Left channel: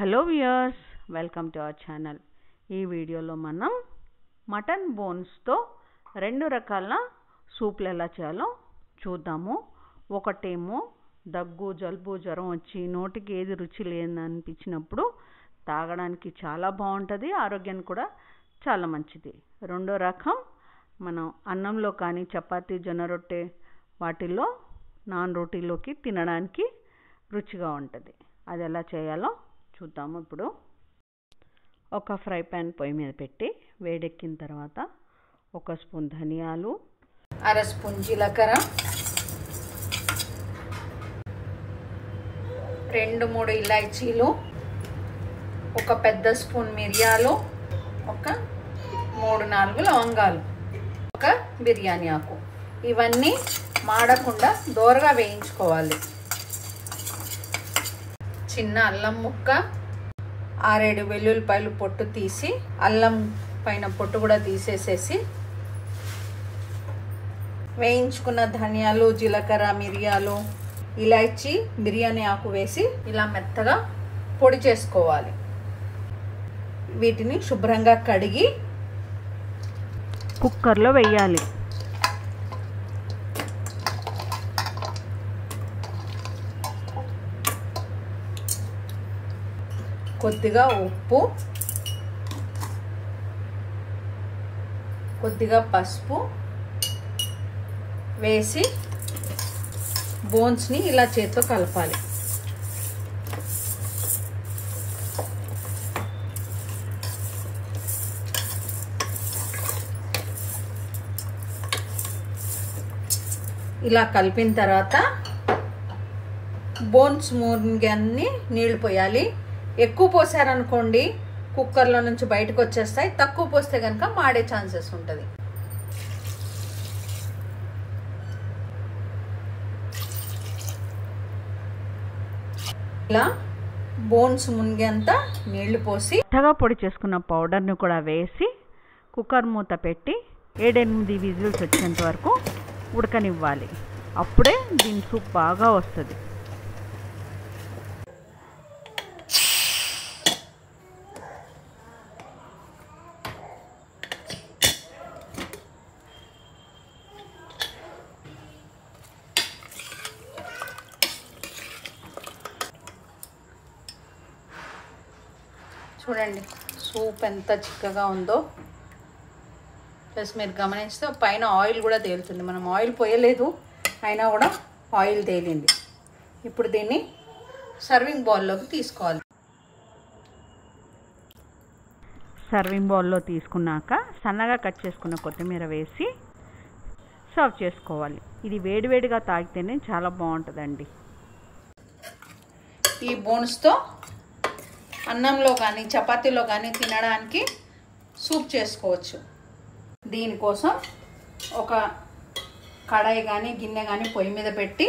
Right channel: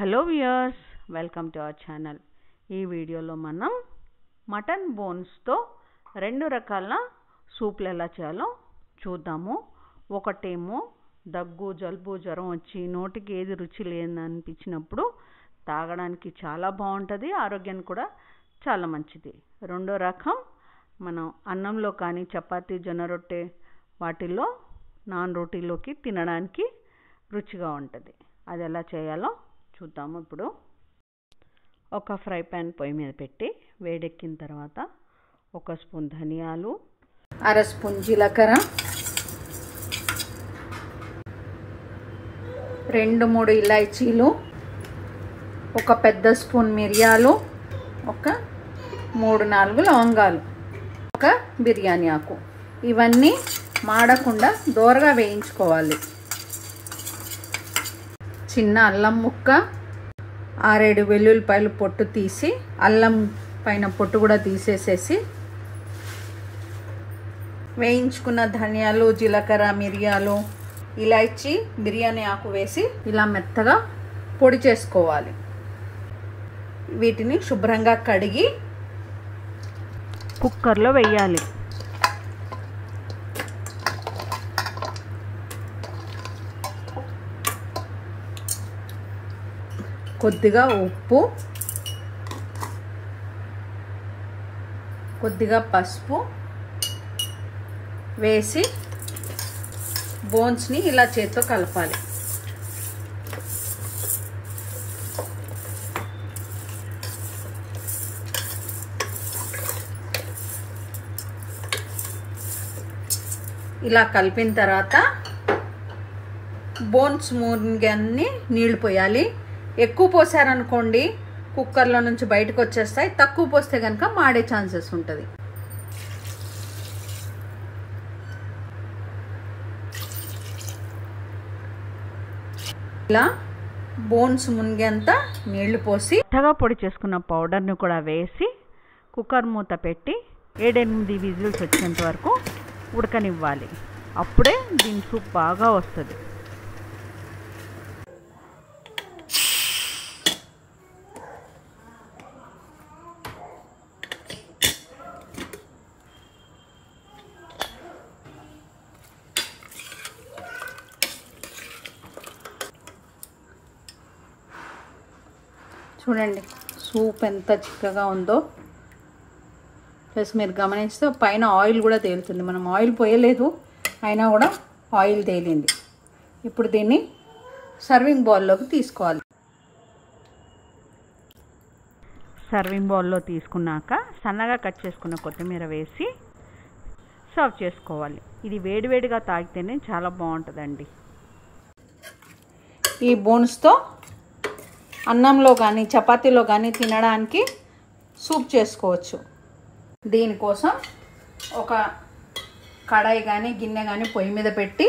Hello viewers, welcome to our channel. ఈ వీడియోలో మనం మటన్ బోన్స్తో రెండు రకాల సూప్లు ఎలా చేయాలో చూద్దాము. ఒకటేమో దగ్గు, జలుబు, జ్వరం వచ్చి నోటికి ఏది రుచి లేదని అనిపించినప్పుడు తాగడానికి చాలా బాగుంటుంది, ఆరోగ్యానికి కూడా చాలా మంచిది. రెండో రకం మనం అన్నంలో కానీ చపాతీ, జొన్న రొట్టె వాటిల్లో నాన్ రోటీలోకి తినడానికి రుచిగా ఉంటుంది. అది ఎలా చేయాలో చూద్దాము. ఇప్పుడు ఒక ఫ్రై ప్యాన్ పొయ్యి మీద పెట్టి వేడెక్కిన తర్వాత 1 స్పూన్ ధనియాలు, 1/2 స్పూన్ జీలకర్ర, 2-3 ఇలాచీలు, ఒక పెద్ద స్పూన్ మిరియాలు, ఒక 3-4 లవంగాలు, ఒక బిర్యానీ ఆకు. ఇవన్నీ మాడకుండా దోరగా వేయించుకోవాలి. చిన్న అల్లం ముక్క, 6-7 వెల్లుల్లిపాయలు పొట్టు తీసి అల్లం పైన పొట్టు కూడా తీసేసేసి వేయించుకున్న ధనియాలు, జీలకర్ర, మిరియాలు, ఇలాచీ, బిర్యానీ ఆకు వేసి ఇలా మెత్తగా పొడి చేసుకోవాలి. వీటిని శుభ్రంగా కడిగి కుక్కర్లో వేయాలి. కొద్దిగా ఉప్పు, కొద్దిగా పసుపు వేసి బోన్స్ని ఇలా చేత్తో కలపాలి. ఇలా కలిపిన తర్వాత బోన్స్ మూగిన్ని నీళ్లు పోయాలి. ఎక్కువ పోసారనుకోండి కుక్కర్లో నుంచి బయటకు వచ్చేస్తాయి, తక్కువ పోస్తే కనుక మాడే ఛాన్సెస్ ఉంటుంది. ఇలా బోన్స్ మునిగేంత నీళ్లు పోసి మెత్తగా పొడి చేసుకున్న పౌడర్ని కూడా వేసి కుక్కర్ మూత పెట్టి 7-8 విజిల్స్ వచ్చేంత వరకు ఉడకనివ్వాలి. అప్పుడే దీని సూప్ బాగా వస్తుంది. చూడండి సూప్ ఎంత చిక్కగా ఉందో. ప్లస్ మీరు గమనిస్తే పైన ఆయిల్ కూడా తేలుతుంది. మనం ఆయిల్ పోయలేదు, అయినా కూడా ఆయిల్ తేలింది. ఇప్పుడు దీన్ని సర్వింగ్ బౌల్లోకి తీసుకోవాలి. సర్వింగ్ బౌల్లో తీసుకున్నాక సన్నగా కట్ చేసుకున్న కొత్తిమీర వేసి సర్వ్ చేసుకోవాలి. ఇది వేడివేడిగా తాగితేనే చాలా బాగుంటుందండి. ఈ బోన్స్తో అన్నంలో కానీ చపాతీలో కానీ తినడానికి సూప్ చేసుకోవచ్చు. దీనికోసం ఒక కడాయి కానీ గిన్నె కానీ పొయ్యి మీద పెట్టి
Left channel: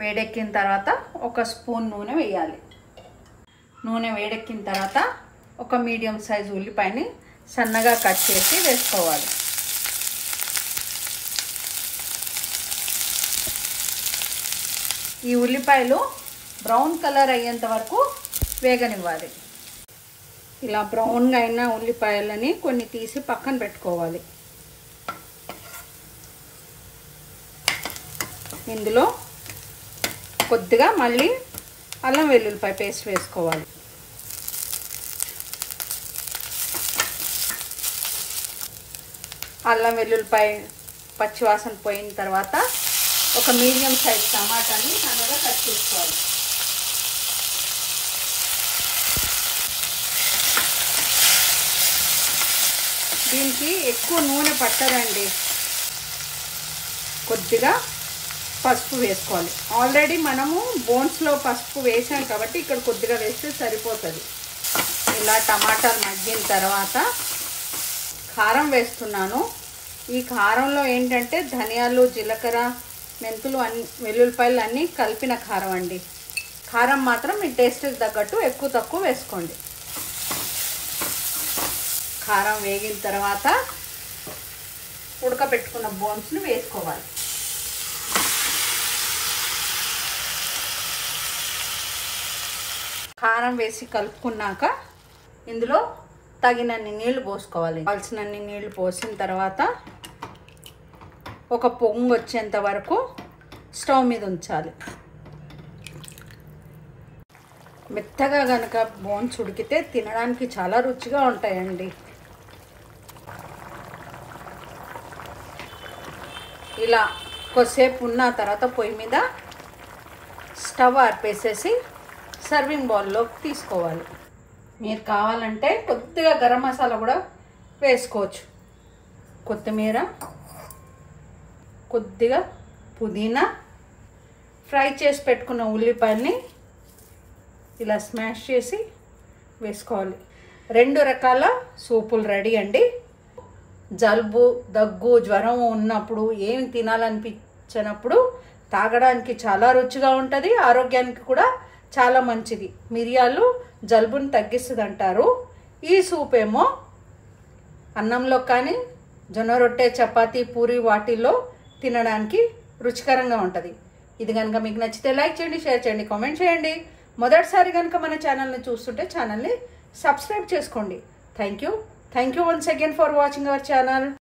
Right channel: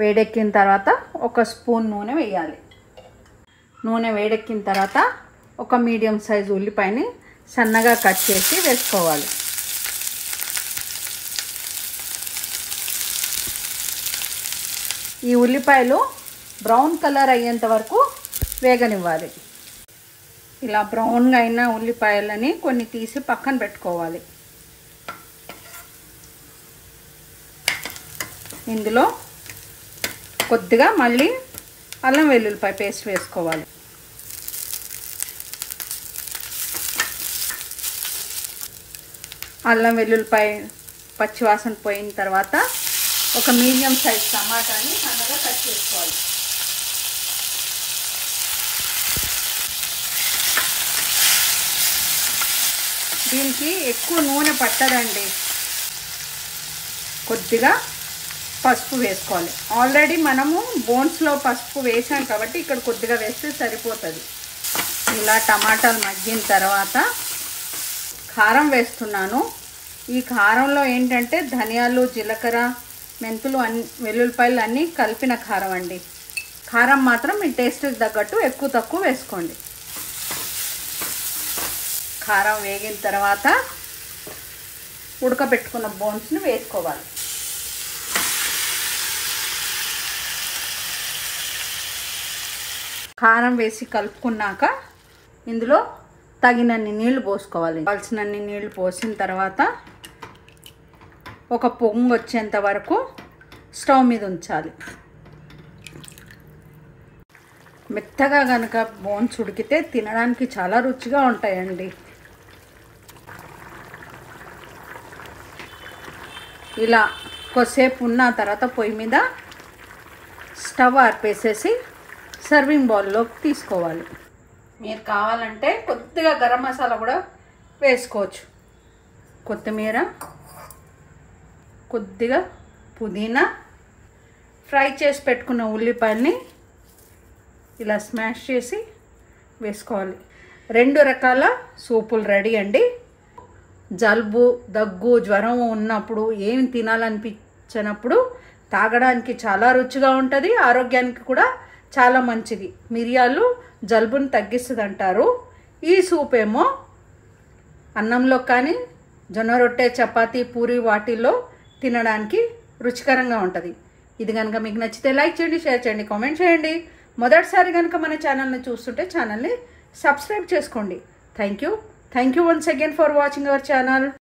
వేడెక్కిన తర్వాత 1 స్పూన్ నూనె వేయాలి. నూనె వేడెక్కిన తర్వాత ఒక మీడియం సైజు ఉల్లిపాయని సన్నగా కట్ చేసి వేసుకోవాలి. ఈ ఉల్లిపాయలు బ్రౌన్ కలర్ అయ్యేంత వరకు వేగనివ్వాలి. ఇలా బ్రౌన్గా అయిన ఉల్లిపాయలని కొన్ని తీసి పక్కన పెట్టుకోవాలి. ఇందులో కొద్దిగా మళ్ళీ అల్లం వెల్లుల్లిపాయ పేస్ట్ వేసుకోవాలి. అల్లం వెల్లుల్లిపాయ పచ్చివాసన పోయిన తర్వాత ఒక మీడియం సైజ్ టమాటాని సన్నగా కట్ చేసుకోవాలి. దీనికి ఎక్కువ నూనె పట్టదండి. కొద్దిగా పసుపు వేసుకోవాలి. ఆల్రెడీ మనము బోన్స్లో పసుపు వేసాం కాబట్టి ఇక్కడ కొద్దిగా వేస్తే సరిపోతుంది. ఇలా టమాటాలు మగ్గిన తర్వాత కారం వేస్తున్నాను. ఈ కారంలో ఏంటంటే ధనియాలు, జీలకర్ర, మెంతులు, వెల్లుల్లిపాయలు అన్నీ కలిపిన కారం అండి. కారం మాత్రం మీ టేస్ట్కి తగ్గట్టు ఎక్కువ తక్కువ వేసుకోండి. కారం వేగిన తర్వాత ఉడకబెట్టుకున్న బోన్స్ని వేసుకోవాలి. కారం వేసి కలుపుకున్నాక ఇందులో తగినన్ని నీళ్లు పోసుకోవాలి. కావాల్సినన్ని నీళ్లు పోసిన తర్వాత ఒక పొంగు వచ్చేంత వరకు స్టవ్ మీద ఉంచాలి. మెత్తగా కనుక బోన్స్ ఉడికితే తినడానికి చాలా రుచిగా ఉంటాయండి. ఇలా కొద్దిసేపు ఉన్న తర్వాత పొయ్యి మీద స్టవ్ ఆర్పేసేసి సర్వింగ్ బౌల్లోకి తీసుకోవాలి. మీరు కావాలంటే కొద్దిగా గరం మసాలా కూడా వేసుకోవచ్చు. కొత్తిమీర, కొద్దిగా పుదీనా, ఫ్రై చేసి పెట్టుకున్న ఉల్లిపాయల్ని ఇలా స్మాష్ చేసి వేసుకోవాలి. 2 రకాల సూపులు రెడీ అండి. జలుబు, దగ్గు, జ్వరం ఉన్నప్పుడు ఏమి తినాలనిపించినప్పుడు తాగడానికి చాలా రుచిగా ఉంటుంది. ఆరోగ్యానికి కూడా చాలా మంచిది. మిరియాలు జలుబుని తగ్గిస్తుంది అంటారు. ఈ సూప్ ఏమో అన్నంలో కానీ జొన్న రొట్టె, చపాతీ, పూరి వాటిల్లో తినడానికి రుచికరంగా ఉంటుంది. ఇది కనుక మీకు నచ్చితే లైక్ చేయండి, షేర్ చేయండి, కామెంట్ చేయండి. మొదటిసారి కనుక మన ఛానల్ని చూస్తుంటే ఛానల్ని సబ్స్క్రైబ్ చేసుకోండి. Thank you once again for watching our channel.